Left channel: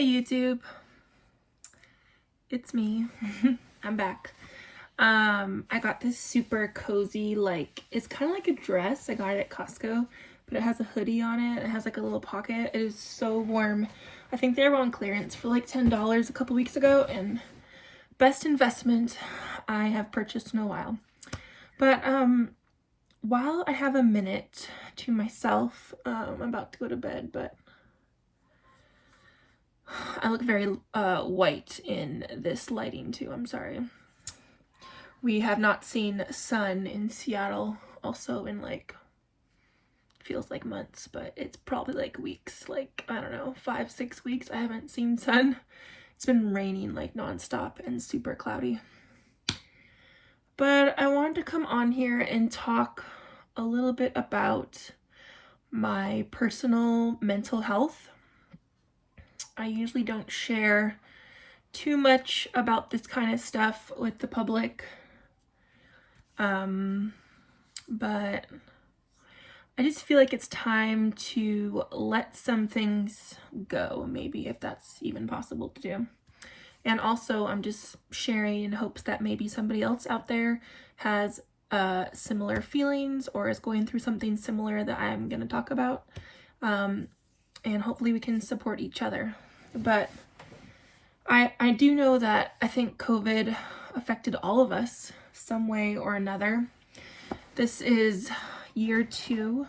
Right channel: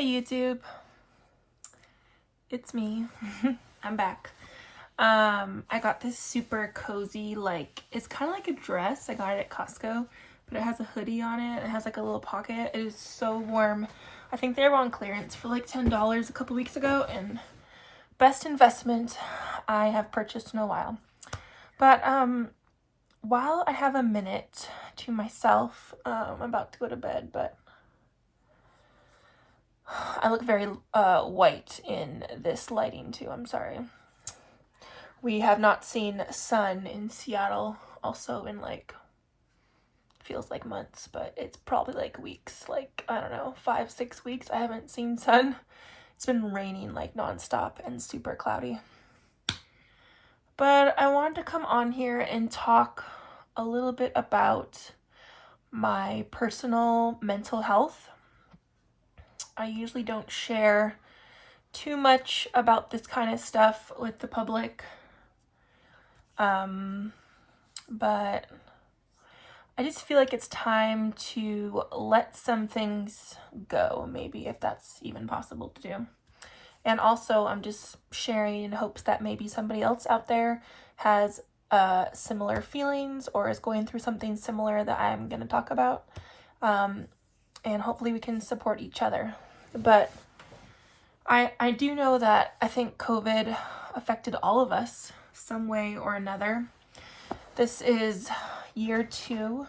Hey YouTube, it's me. I'm back. I got this super cozy, it's kind of like a dress. I got it at Costco, but it has a hoodie on it. It has like a little pocket. It is so warm. I think they were on clearance for like $10 a couple weeks ago, and best investment I have purchased in a while. But while I have a minute to myself, I'm about to go to bed, but I look very white in this lighting too, I'm sorry. We have not seen sun in Seattle also in feels like months, but it's probably like weeks, I don't know, 5-6 weeks I haven't seen sun. It's been raining like nonstop and super cloudy. But I wanted to come on here and talk a little bit about my personal mental health. I usually don't share too much about this kind of stuff with the public. But I just feel like it's time to let some things go, maybe, if that's even possible to do. And also, I'm just sharing in hopes that maybe somebody else out there has similar feelings or is going through something similar that I'm going to talk about. And hopefully we can support each other. But I do know that I think COVID affected all of us some way or another. This is year 2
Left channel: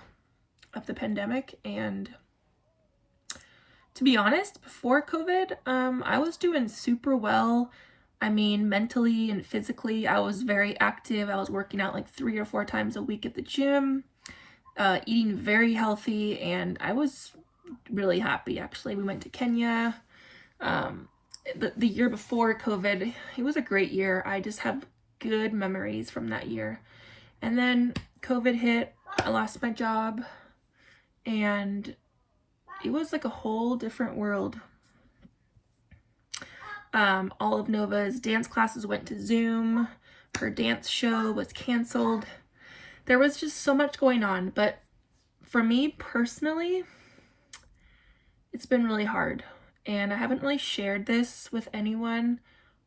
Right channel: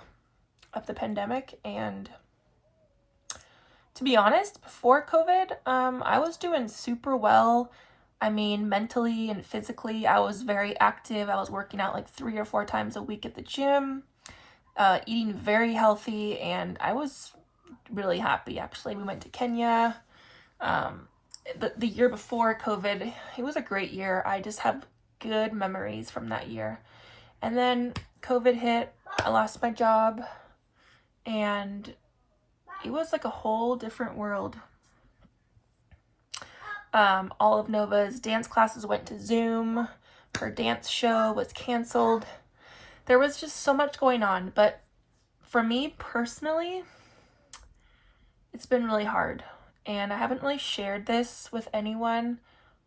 of the pandemic, and to be honest, before COVID, I was doing super well. I mean, mentally and physically, I was very active. I was working out like 3 or 4 times a week at the gym, eating very healthy, and I was really happy, actually. We went to Kenya. The year before COVID, it was a great year. I just have good memories from that year. And then COVID hit, I lost my job, and it was like a whole different world. All of Nova's dance classes went to Zoom. Her dance show was canceled. There was just so much going on, but for me personally, it's been really hard. And I haven't really shared this with anyone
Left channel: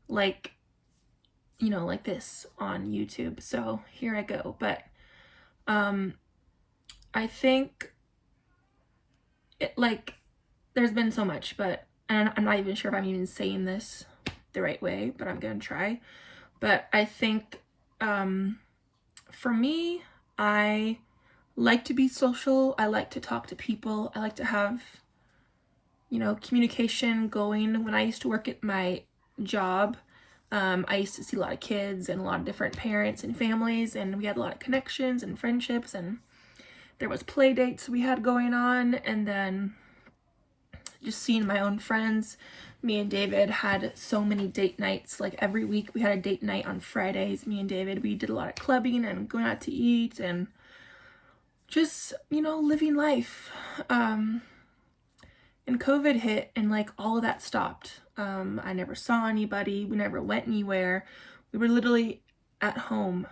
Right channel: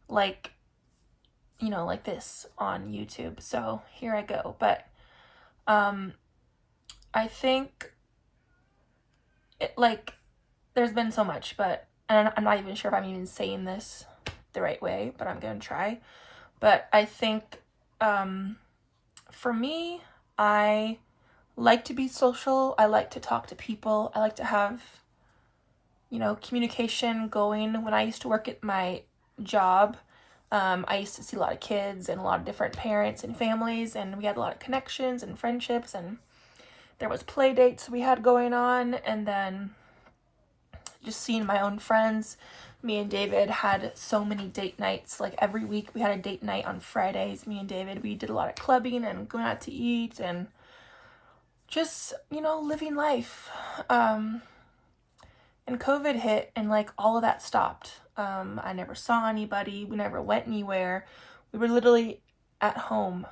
like this on YouTube. So here I go. But I think there's been so much, but I'm not even sure if I'm even saying this the right way, but I'm gonna try. But I think for me, I like to be social. I like to talk to people. I like to have communication going. When I used to work at my job, I used to see a lot of kids and a lot of different parents and families, and we had a lot of connections and friendships, and there was play dates we had going on, and then just seeing my own friends. Me and David had so many date nights. Like every week we had a date night on Fridays. Me and David, we did a lot of clubbing and going out to eat and just, living life. And COVID hit and all of that stopped. I never saw anybody. We never went anywhere. We were literally at home.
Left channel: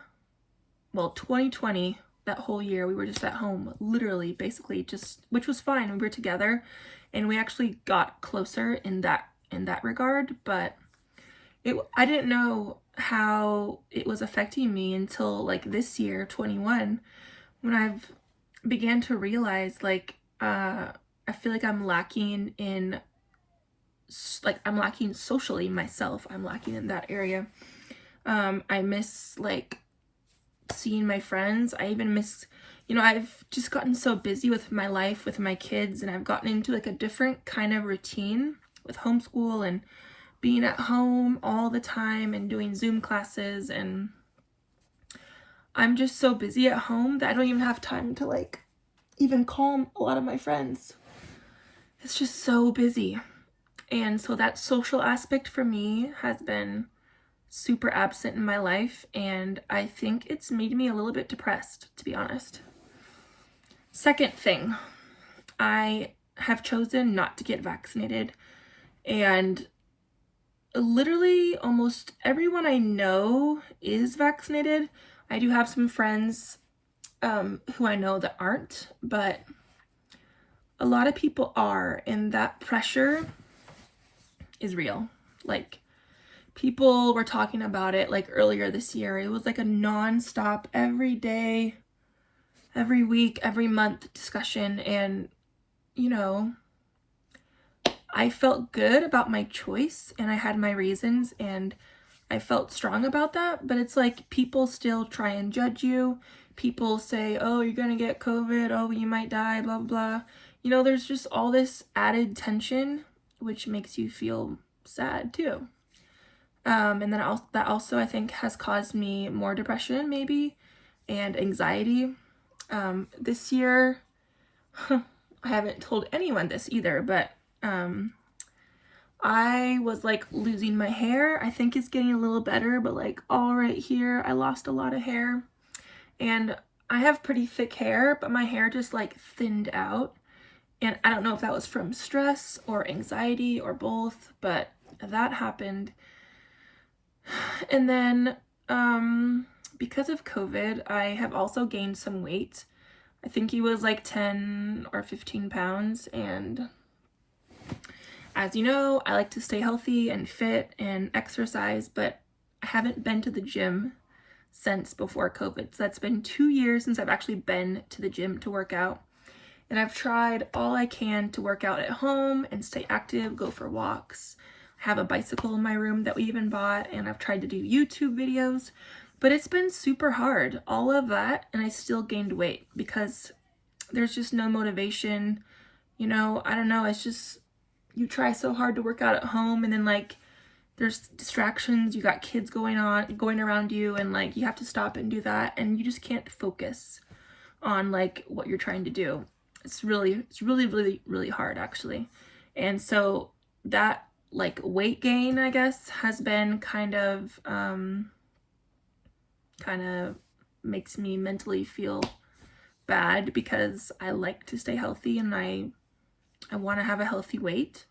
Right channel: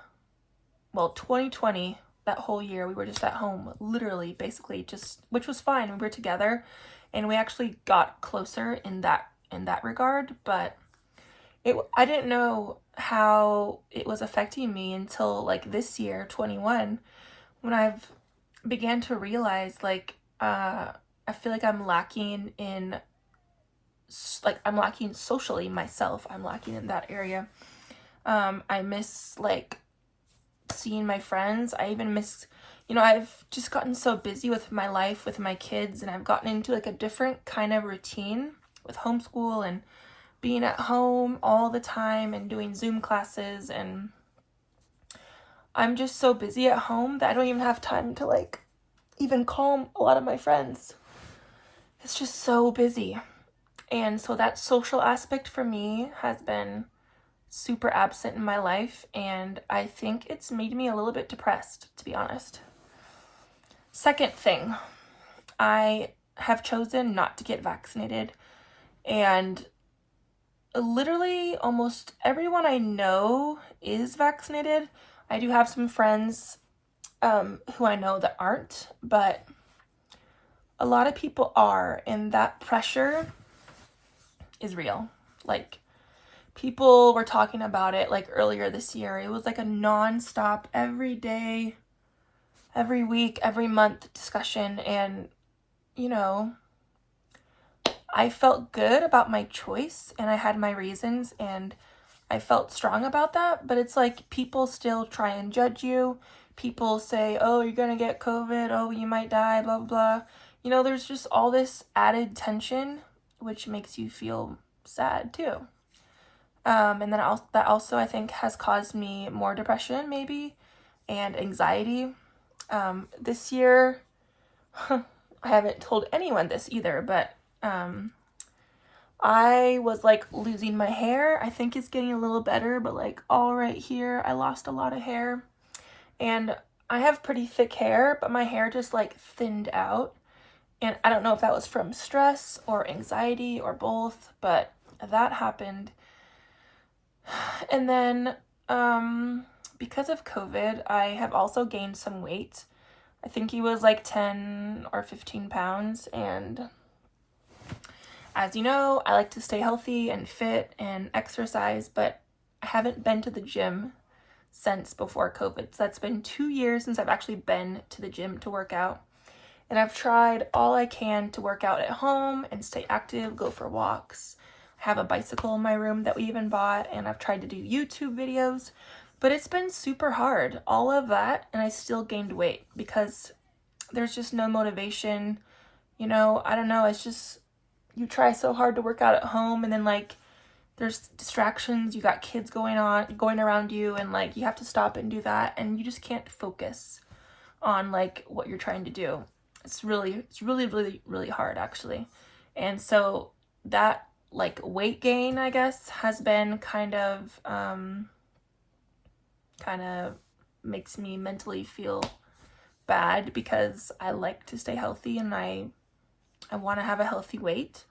Well, 2020, that whole year, we were just at home, literally, basically, which was fine. We were together, and we actually got closer in that regard, but I didn't know how it was affecting me until this year, 21, when I've began to realize I feel like I'm lacking in I'm lacking socially myself. I'm lacking in that area. I miss seeing my friends. I even miss, I've just gotten so busy with my life, with my kids, and I've gotten into a different kind of routine with homeschool and being at home all the time and doing Zoom classes, and I'm just so busy at home that I don't even have time to even call a lot of my friends. It's just so busy. And so that social aspect for me has been super absent in my life, and I think it's made me a little bit depressed, to be honest. Second thing, I have chosen not to get vaccinated, and literally almost everyone I know is vaccinated. I do have some friends who I know that aren't, but a lot of people are, and that pressure is real. Like, people were talking about it like earlier this year. It was like a non-stop, every day, every week, every month discussion. And, you know, I felt good about my choice and I had my reasons and I felt strong about that. But it's like people still try and judge you. People say, oh, you're gonna get COVID. Oh, you might die, blah, blah, blah. You know, there's just all this added tension, which makes you feel sad too. And then that also, I think, has caused me more depression, maybe, and anxiety. This year, I haven't told anyone this either, but I was like losing my hair. I think it's getting a little better, but like all right here, I lost a lot of hair. And I have pretty thick hair, but my hair just like thinned out. And I don't know if that was from stress or anxiety or both, but that happened. And then because of COVID, I have also gained some weight. I think he was like 10 or 15 pounds. And as you know, I like to stay healthy and fit and exercise, but I haven't been to the gym since before COVID. So that's been 2 years since I've actually been to the gym to work out. And I've tried all I can to work out at home and stay active, go for walks. I have a bicycle in my room that we even bought, and I've tried to do YouTube videos, but it's been super hard, all of that, and I still gained weight because there's just no motivation. You know, I don't know, it's just, you try so hard to work out at home and then like there's distractions, you got kids going around you, and like you have to stop and do that, and you just can't focus on like what you're trying to do. It's really, really hard actually. And so that like weight gain, I guess, has been kind of makes me mentally feel bad because I like to stay healthy and I want to have a healthy weight.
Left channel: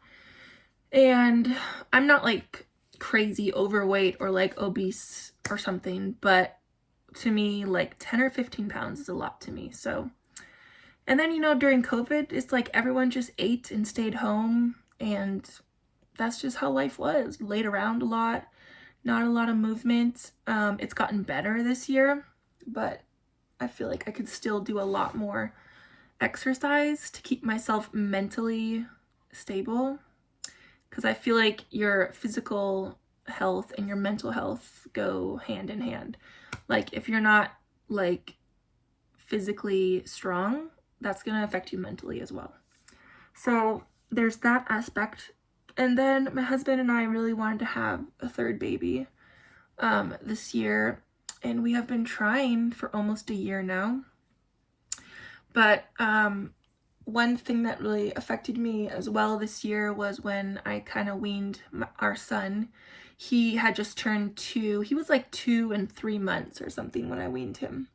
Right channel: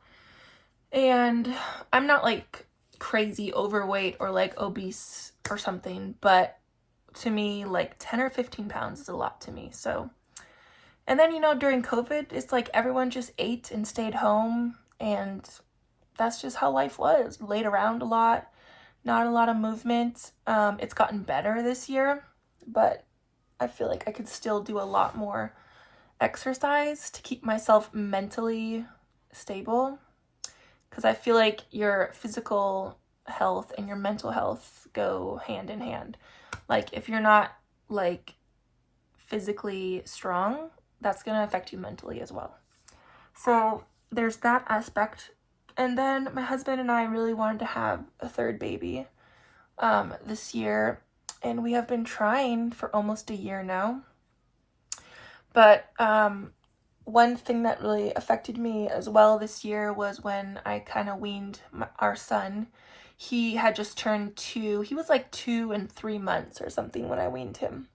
And I'm not like crazy overweight or like obese or something, but to me, like 10 or 15 pounds is a lot to me. So, and then, you know, during COVID, it's like everyone just ate and stayed home, and that's just how life was. Laid around a lot, not a lot of movement. It's gotten better this year, but I feel like I could still do a lot more exercise to keep myself mentally stable, because I feel like your physical health and your mental health go hand in hand. Like if you're not like physically strong, that's going to affect you mentally as well. So there's that aspect. And then my husband and I really wanted to have a third baby this year, and we have been trying for almost a year now. But one thing that really affected me as well this year was when I kind of weaned our son. He had just turned 2. He was like 2 and 3 months or something when I weaned him.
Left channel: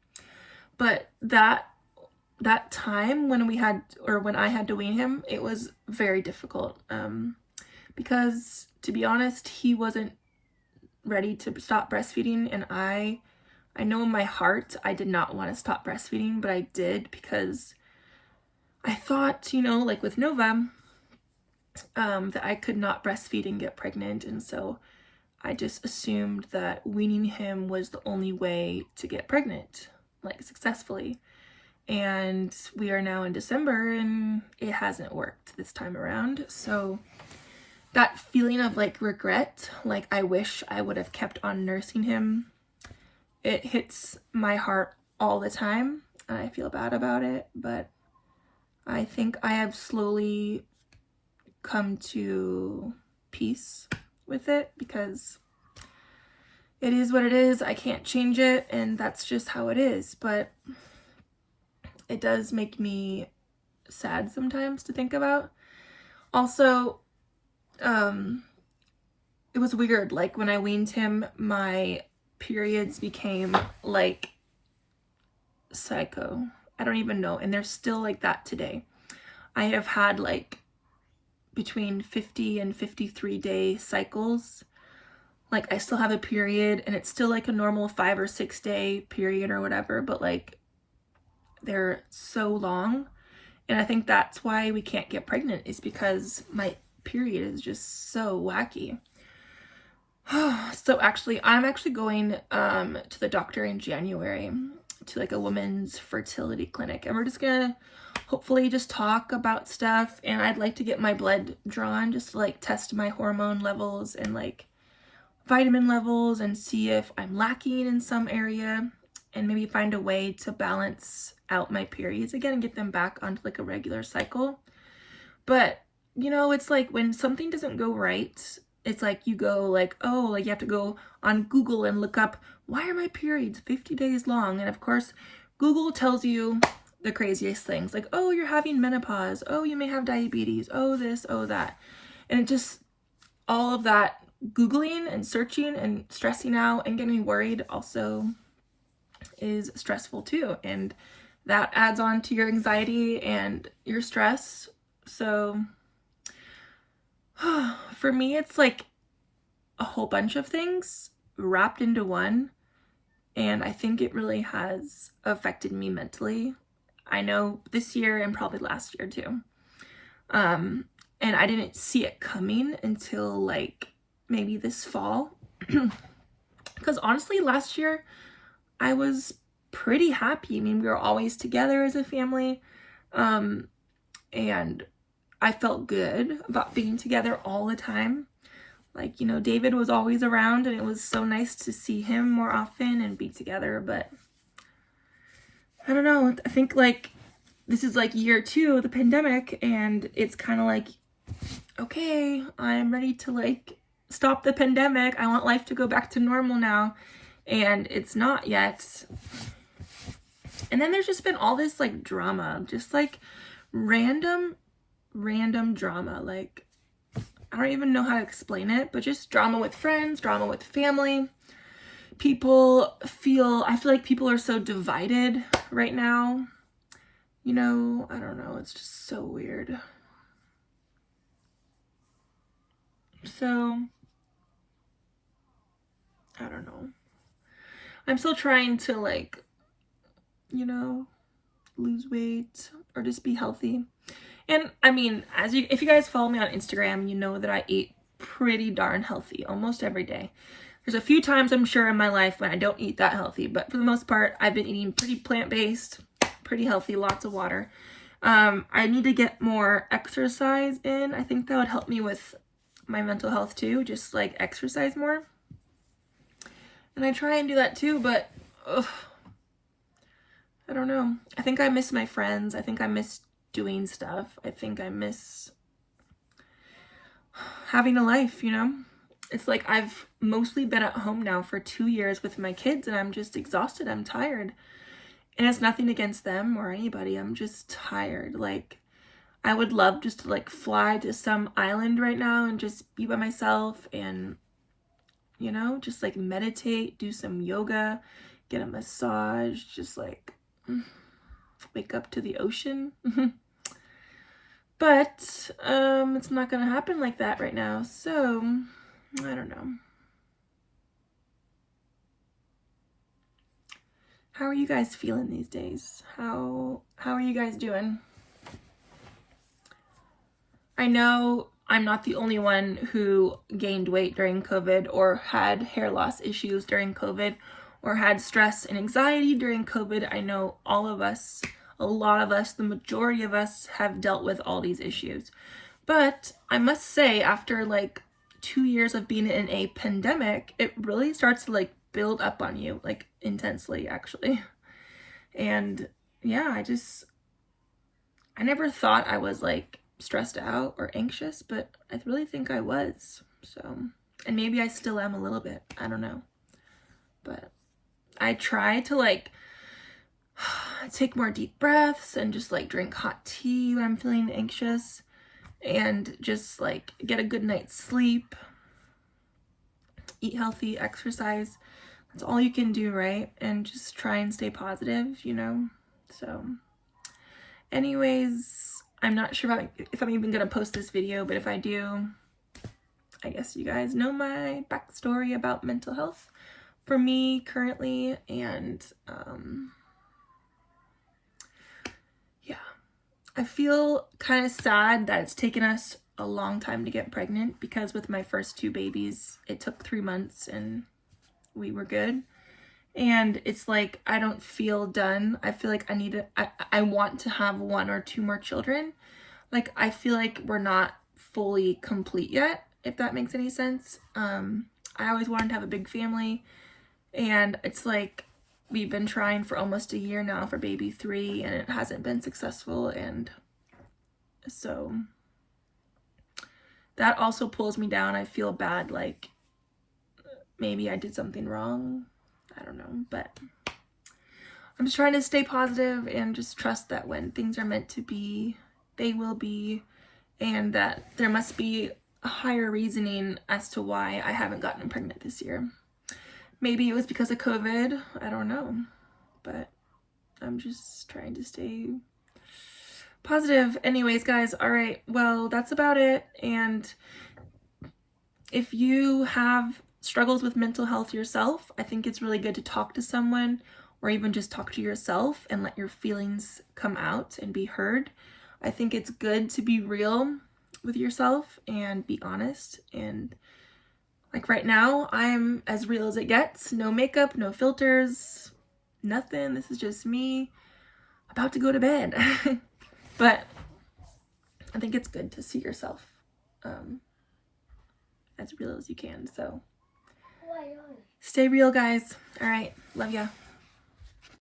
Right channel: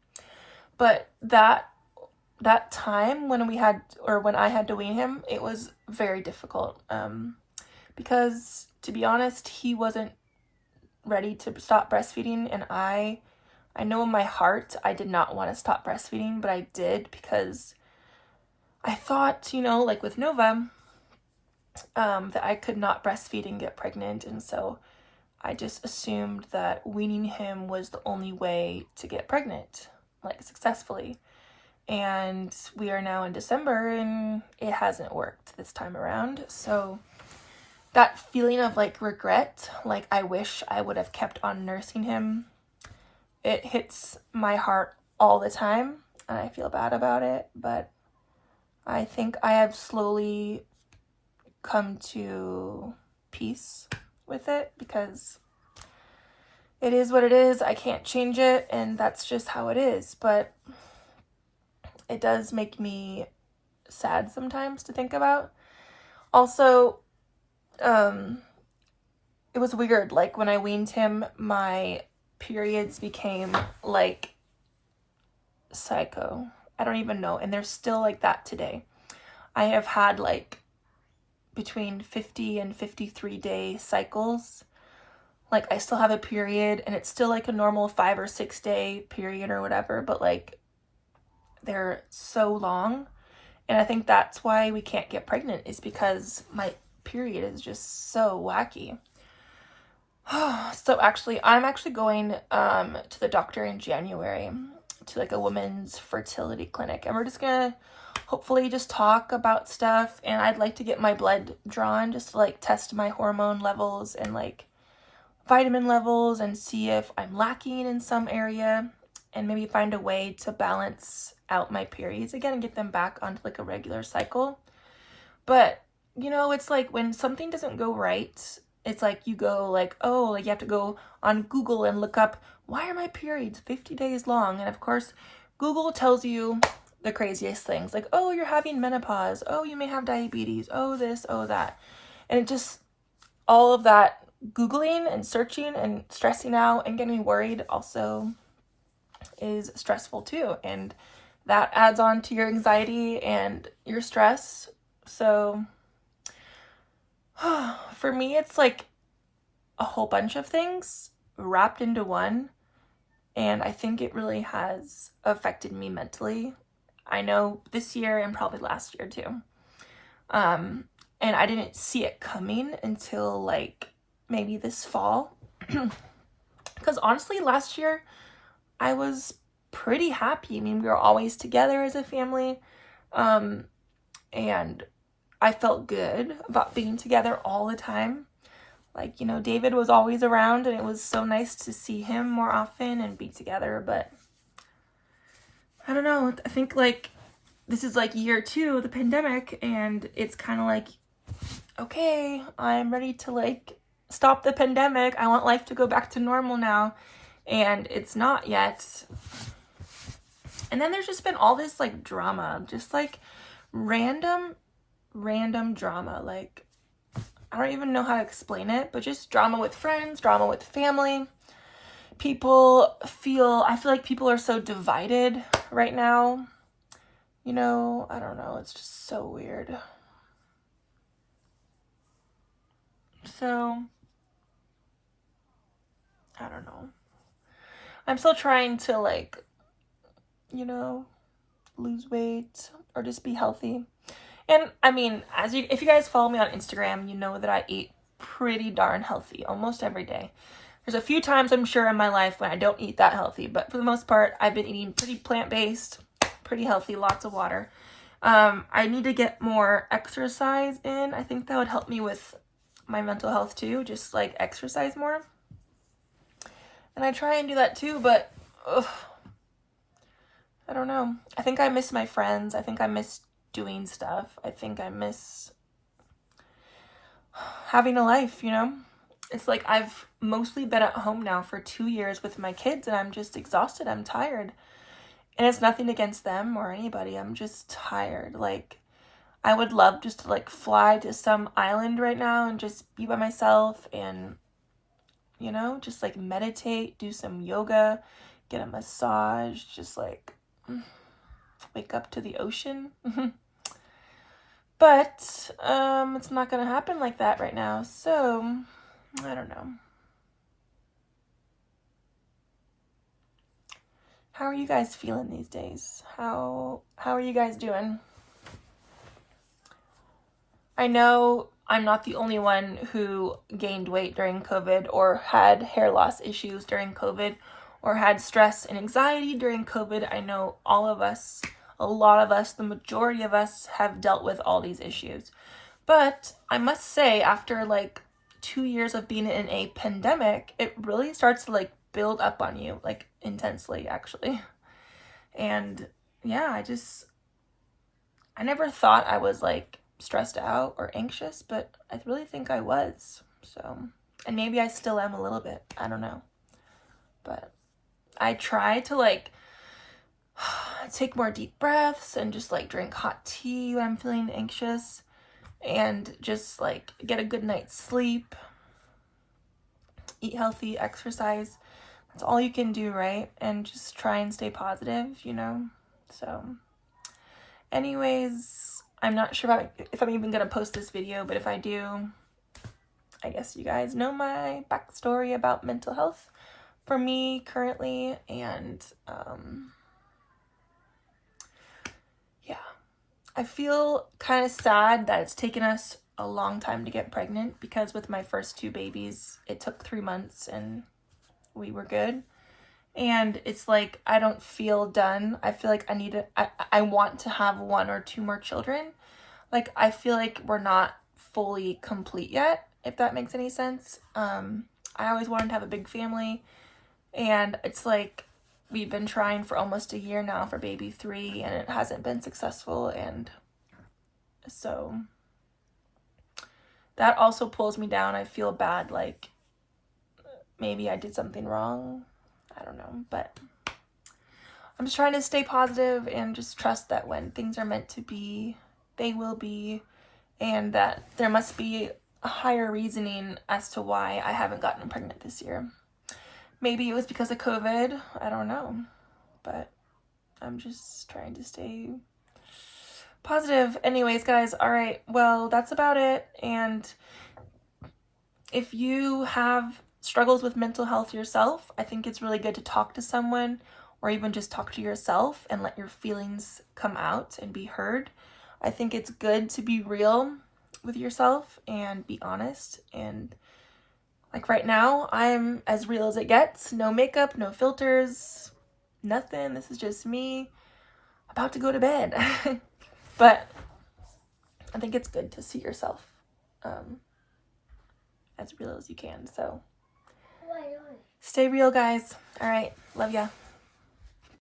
But that time when I had to wean him, it was very difficult. Because to be honest, he wasn't ready to stop breastfeeding, and I know in my heart I did not want to stop breastfeeding, but I did because I thought, you know, like with Nova, that I could not breastfeed and get pregnant, and so I just assumed that weaning him was the only way to get pregnant, like successfully. And we are now in December and it hasn't worked this time around. So that feeling of like regret, like I wish I would have kept on nursing him, it hits my heart all the time and I feel bad about it. But I think I have slowly come to peace with it because it is what it is. I can't change it, and that's just how it is. But it does make me sad sometimes to think about. Also, it was weird. Like when I weaned him, my periods became like psycho. I don't even know. And they're still like that today. I have had like between 50 and 53 day cycles. Like I still have a period and it's still like a normal 5 or 6 day period or whatever, but like they're so long. And I think that's why we can't get pregnant, is because my period is just so wacky. So actually, I'm actually going to the doctor in January, to like a women's fertility clinic, and we're just gonna hopefully just talk about stuff. And I'd like to get my blood drawn just to like test my hormone levels and like vitamin levels and see if I'm lacking in some area, and maybe find a way to balance out my periods again and get them back onto like a regular cycle. But you know, it's like when something doesn't go right, it's like you go like, oh, like you have to go on Google and look up, why are my periods 50 days long? And of course, Google tells you the craziest things like, oh, you're having menopause. Oh, you may have diabetes. Oh, this, oh, that. And it just, all of that Googling and searching and stressing out and getting worried also is stressful too. And that adds on to your anxiety and your stress. So for me, it's like a whole bunch of things wrapped into one. And I think it really has affected me mentally. I know this year and probably last year too. And I didn't see it coming until like maybe this fall. Because honestly, last year I was pretty happy. I mean, we were always together as a family. And I felt good about being together all the time. Like, you know, David was always around, and it was so nice to see him more often and be together. But I don't know. I think like this is like year 2 of the pandemic, and it's kind of like, okay, I'm ready to like stop the pandemic. I want life to go back to normal now. And it's not yet. And then there's just been all this like drama, just like random drama. Like, I don't even know how to explain it, but just drama with friends, drama with family. I feel like people are so divided right now. You know, I don't know. It's just so weird. So, I don't know. I'm still trying to like, you know, lose weight or just be healthy. And I mean, if you guys follow me on Instagram, you know that I eat pretty darn healthy almost every day. There's a few times I'm sure in my life when I don't eat that healthy, but for the most part, I've been eating pretty plant-based, pretty healthy, lots of water. I need to get more exercise in. I think that would help me with my mental health too, just like exercise more. And I try and do that too, but I don't know. I think I miss my friends. I think I miss doing stuff. I think I miss having a life, you know? It's like I've mostly been at home now for 2 years with my kids, and I'm just exhausted. I'm tired. And it's nothing against them or anybody. I'm just tired. Like, I would love just to like fly to some island right now and just be by myself and, you know, just like meditate, do some yoga, get a massage, just like wake up to the ocean. But it's not gonna happen like that right now, so I don't know. How are you guys feeling these days? How are you guys doing? I know I'm not the only one who gained weight during COVID or had hair loss issues during COVID or had stress and anxiety during COVID. I know all of us, a lot of us, the majority of us have dealt with all these issues. But I must say, after like 2 years of being in a pandemic, it really starts to like build up on you, like intensely actually. And yeah, I never thought I was like stressed out or anxious, but I really think I was. So, and maybe I still am a little bit, I don't know. But I try to like take more deep breaths and just like drink hot tea when I'm feeling anxious, and just like get a good night's sleep, eat healthy, exercise. That's all you can do, right? And just try and stay positive, you know? So anyways, I'm not sure if I'm even gonna post this video, but if I do, I guess you guys know my backstory about mental health for me currently. And yeah, I feel kind of sad that it's taken us a long time to get pregnant, because with my first 2 babies, it took 3 months and we were good. And it's like, I don't feel done. I feel like I want to have 1 or 2 more children. Like, I feel like we're not fully complete yet, if that makes any sense. I always wanted to have a big family, and it's like, we've been trying for almost a year now for baby 3, and it hasn't been successful. And so that also pulls me down. I feel bad, like maybe I did something wrong. I don't know, but I'm just trying to stay positive and just trust that when things are meant to be, they will be, and that there must be a higher reasoning as to why I haven't gotten pregnant this year. Maybe it was because of COVID, I don't know, but I'm just trying to stay positive. Anyways, guys, all right, well, that's about it. And if you have struggles with mental health yourself, I think it's really good to talk to someone, or even just talk to yourself and let your feelings come out and be heard. I think it's good to be real with yourself and be honest. And like right now, I'm as real as it gets. No makeup, no filters, nothing. This is just me about to go to bed. But I think it's good to see yourself as real as you can. So stay real, guys. All right. Love ya.